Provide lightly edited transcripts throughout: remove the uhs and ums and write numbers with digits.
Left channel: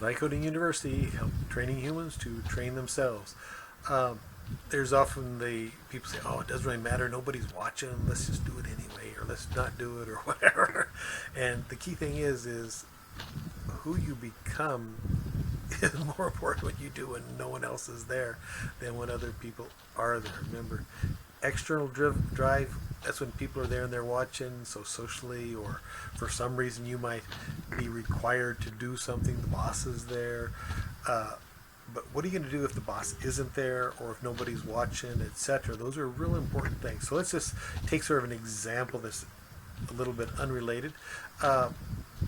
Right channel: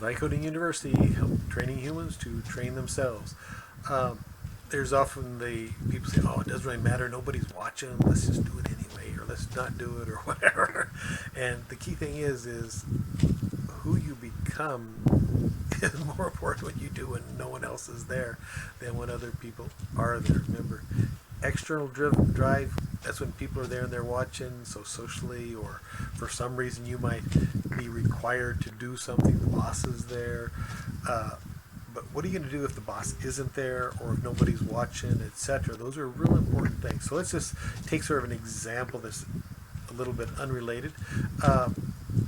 Vibe Coding University, help training humans to train themselves. Um, there's often the people say, "Oh, it doesn't really matter. Nobody's watching. Let's just do it anyway, or let's not do it, or whatever." And the key thing is who you become is more important when you do when no one else is there than when other people are there. Remember, external drive, that's when people are there and they're watching, so socially or for some reason you might be required to do something, the boss is there. But what are you going to do if the boss isn't there or if nobody's watching, etc.? Those are real important things. So let's just take sort of an example that's a little bit unrelated. uh,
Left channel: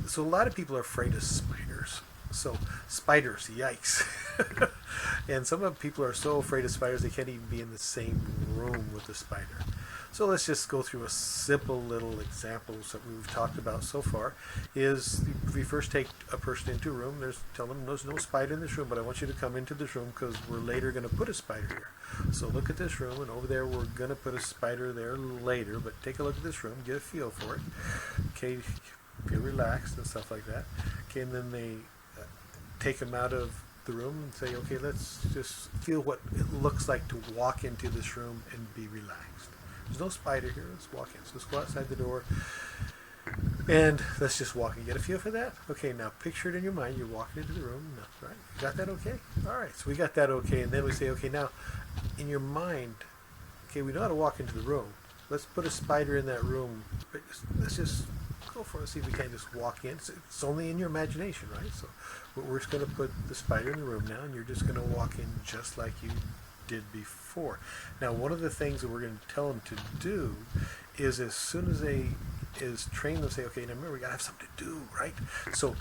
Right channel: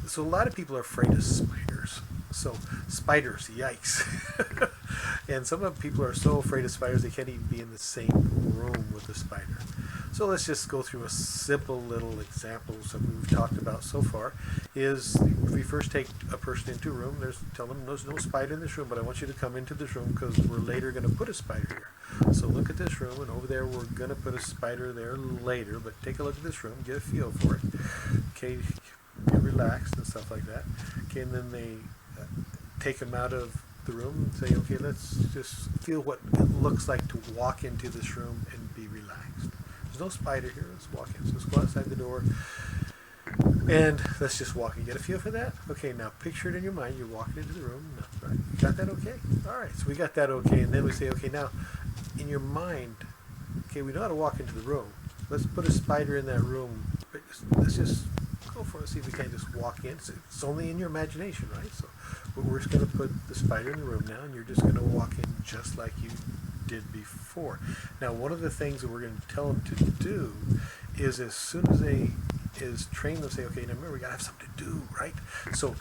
so a lot of people are afraid of spiders. So spiders, yikes. And some of people are so afraid of spiders they can't even be in the same room with a spider. So let's just go through a simple little example. Something we've talked about so far is if we first take a person into a room, tell them there's no spider in this room, but I want you to come into this room because we're later going to put a spider here. So look at this room, and over there we're going to put a spider there later, but take a look at this room, get a feel for it. Okay, get relaxed and stuff like that. Okay, and then they take them out of the room and say, okay, let's just feel what it looks like to walk into this room and be relaxed. There's no spider here. Let's walk in. So let's go outside the door and let's just walk and get a feel for that. Okay, now picture it in your mind. You're walking into the room. No, right? You got that okay? All right, so we got that okay. And then we say, okay, now in your mind, okay, we know how to walk into the room. Let's put a spider in that room. But let's just go for it. See if we can't just walk in. It's only in your imagination, right? So we're just going to put the spider in the room now, and you're just going to walk in just like you did before. Now, one of the things that we're going to tell them to do is as soon as they is train them, say, okay, now remember, we got to have something to do, right? So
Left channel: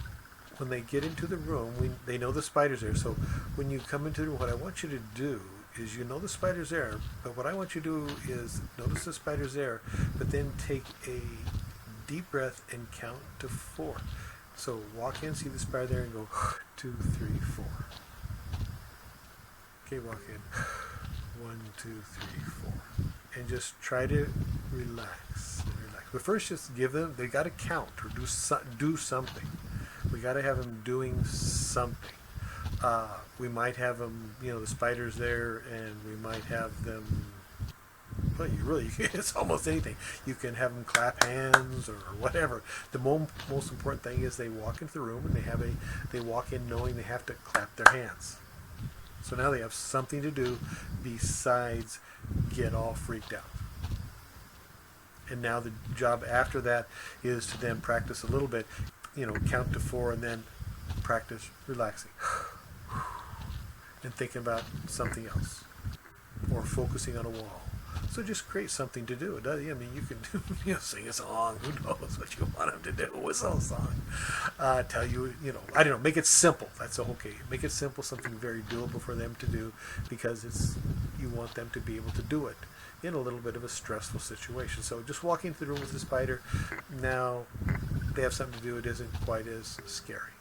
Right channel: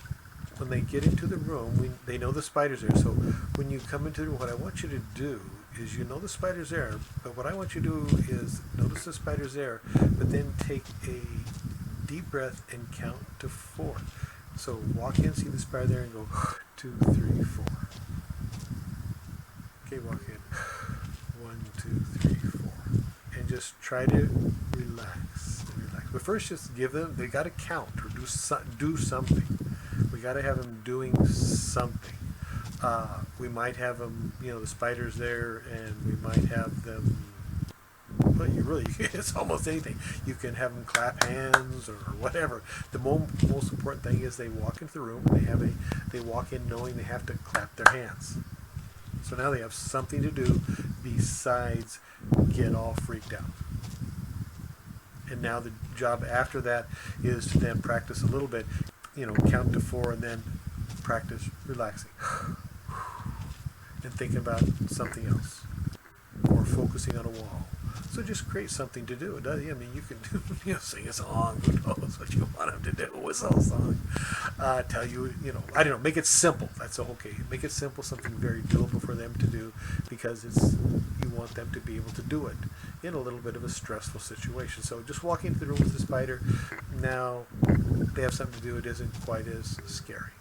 when they get into the room, they know the spider's there. So when you come into the room, what I want you to do is, you know the spider's there, but what I want you to do is notice the spider's there, but then take a deep breath and count to 4. So walk in, see the spider there, and go 2, 3, 4. Okay, walk in 1, 2, 3, 4, and just try to relax and relax. But first, just give them. They got to count or do something. We got to have them doing something. We might have them, the spider's there, and we might have them. Well, it's almost anything. You can have them clap hands or whatever. The most important thing is they walk into the room and they walk in knowing they have to clap their hands. So now they have something to do besides get all freaked out. And now the job after that is to then practice a little bit, count to 4 and then practice relaxing and thinking about something else or focusing on a wall. So just create something to do. You can sing a song. Who knows what you want them to do? Whistle a song. Tell you, I don't know. Make it simple. That's okay. Make it simple, something very doable for them to do, because you want them to be able to do it in a little bit of a stressful situation. So just walking into the room with the spider, now they have something to do. It isn't quite as scary.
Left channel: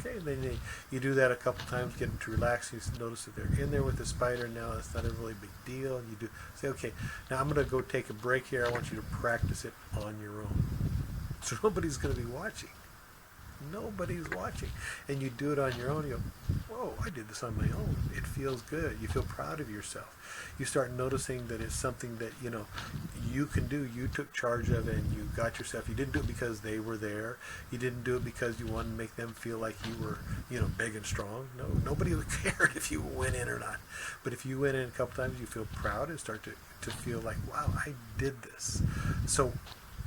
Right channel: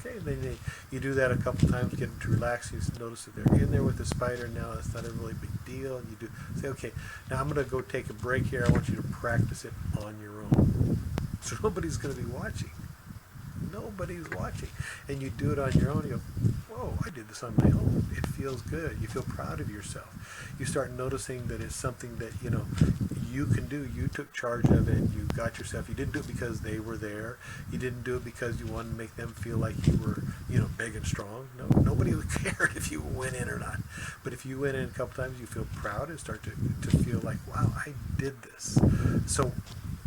Okay, then you do that a couple times, get them to relax. You notice that they're in there with the spider. Now it's not a really big deal. And you say, okay, now I'm going to go take a break here. I want you to practice it on your own. So nobody's going to be watching. Nobody's watching. And you do it on your own. You go, whoa, I did this on my own. It feels good. You feel proud of yourself. You start noticing that it's something that, you can do. You took charge of it and you got yourself. You didn't do it because they were there. You didn't do it because you wanted to make them feel like you were, big and strong. No, nobody cared if you went in or not. But if you went in a couple times, you feel proud and start to feel like, wow, I did this. So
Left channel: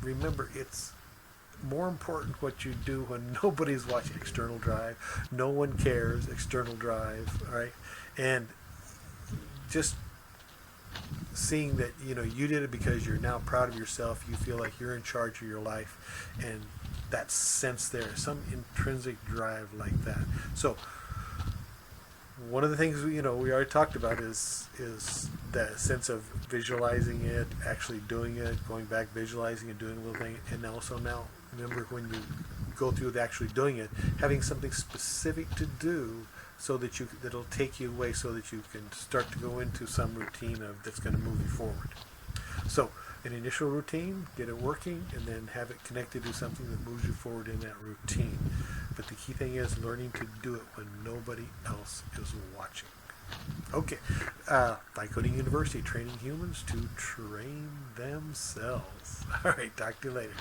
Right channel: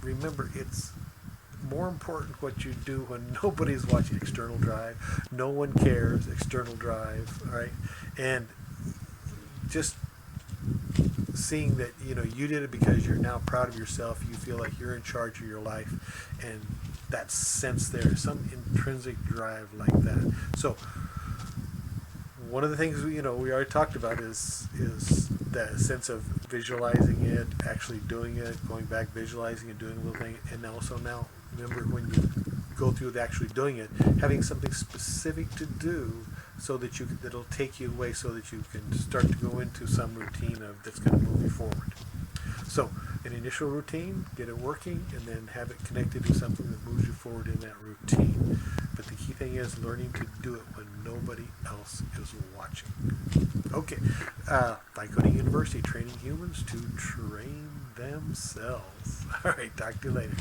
remember, it's more important what you do when nobody's watching. External drive. No one cares. External drive. All right. And just seeing that you did it because you're now proud of yourself. You feel like you're in charge of your life, and that sense there, some intrinsic drive like that. So one of the things we already talked about is that sense of visualizing it, actually doing it, going back, visualizing and doing a little thing, and also now remember when you go through with actually doing it, having something specific to do so that that'll take you away, so that you can start to go into some routine that's going to move you forward. So an initial routine, get it working, and then have it connected to something that moves you forward in that routine. But the key thing thing is learning to do it when nobody else is watching. Okay. Vibe Coding University, training humans to train themselves. All right. Talk to you later.